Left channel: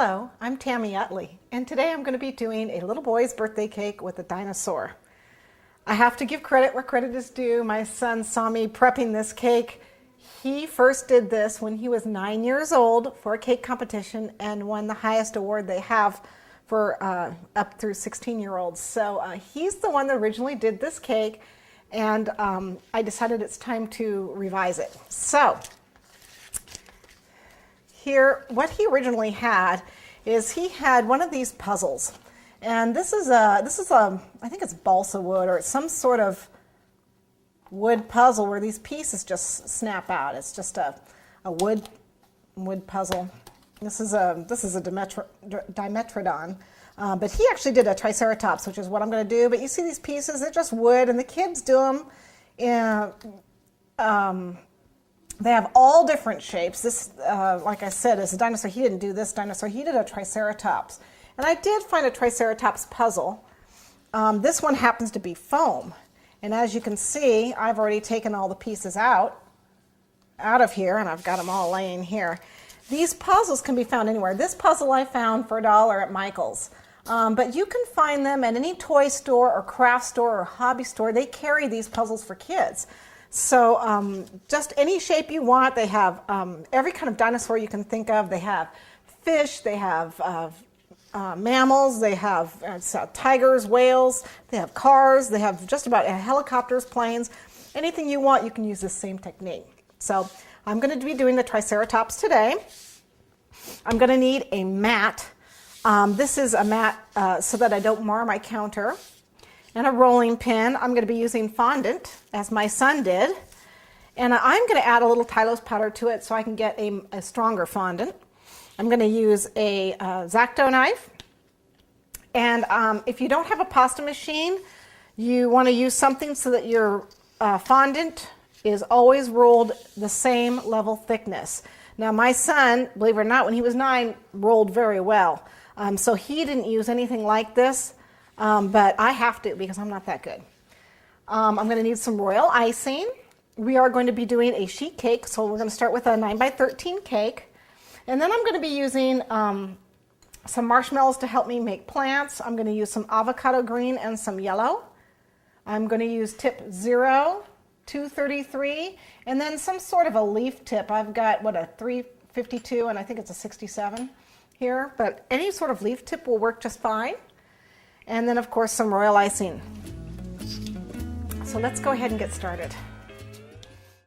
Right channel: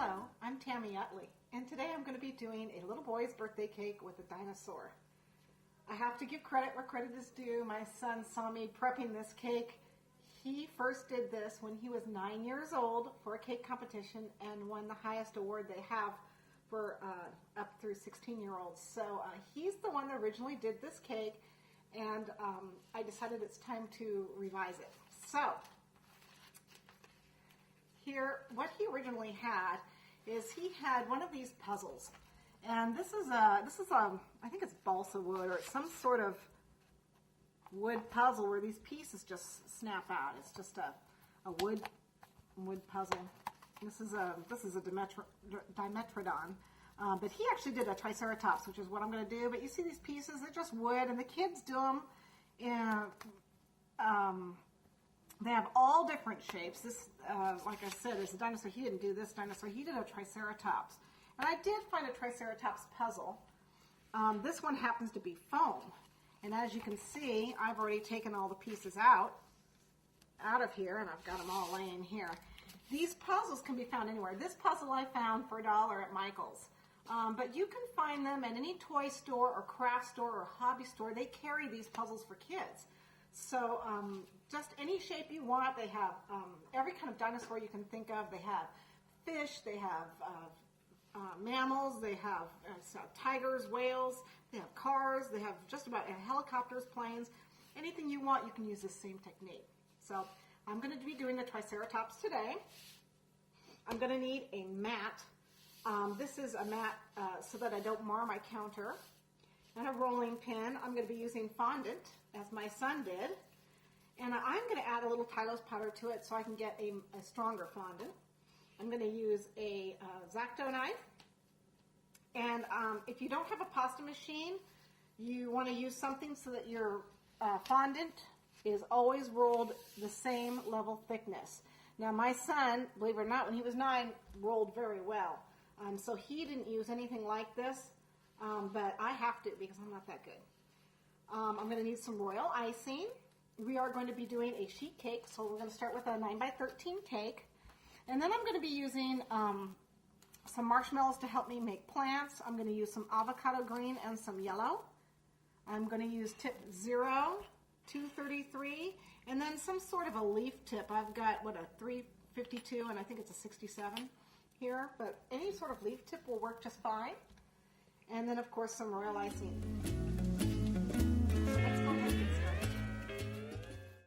Hello, I'm Tami Utley, and today I'm going to be doing a little boy's birthday cake with a dinosaur. I have to give credit where credit is due. My son saw me prepping this cake. He first did this when he was 9 years old for a cake competition and won the highest award they have for up through 16-year-olds. So he's the one that originally did this cake, and I decided it's time to revise it. So here, what he originally had is he had one of these puzzles, and this is a I think it's balsa wood or it's some sort of wood puzzle where these pieces just snap out. It's just a wood puzzle. This is a Dimetrodon, but he actually did a Triceratops, which is what I'm going to do. But you see these pieces, they're just wood, and the kids do them in. They have all different shapes. This, like I said, is a dinosaur. He didn't do this dinosaur. He did a Triceratops. And I did find a Triceratops puzzle. This one happens to be foam. And as you can see, I've already taken all the pieces out of here, and I've got them all laying here. These puzzles can be found anywhere. This puzzle I found for $1 at Michael's. But you can find them at any toy store or craft store or hobby store. They carry these puzzles for kids. So just any shape you want. They have every kind of dinosaur you can think of. They have fish, they have mammals, they have tigers, whales, they have cars, they have just about helicopters, planes. Anything you want, you can use this same technique. So I'm going to be doing the Triceratops today. I'm going to need a mat. This is a mat so that I don't mar my counter. And a rolling pin. I'm going to be using fondant, as my son did. And I'm going to add a little Tylose powder to it so I can get a stronger fondant. I'm going to use a X-Acto knife. And if you don't have a pasta machine, you want to use something so that your fondant is always rolled the same level thickness. Now my son, believe it or not, when he was 9, rolled very well. So he didn't use anything like this. But I have to because I'm not that good. I'm going to need some royal icing. We are going to be doing a sheet cake, so we're going to start with a 9x13 cake. And then I'm going to be using some marshmallows to help me make plants. I'm going to use some avocado green and some yellow. I'm going to use tip 0, 233, and then some sort of a leaf tip. I've got, a 352, and I think it's a 67 here. But any sort of leaf tip will work just fine. And then, of course, some royal icing. So let's go ahead and get started.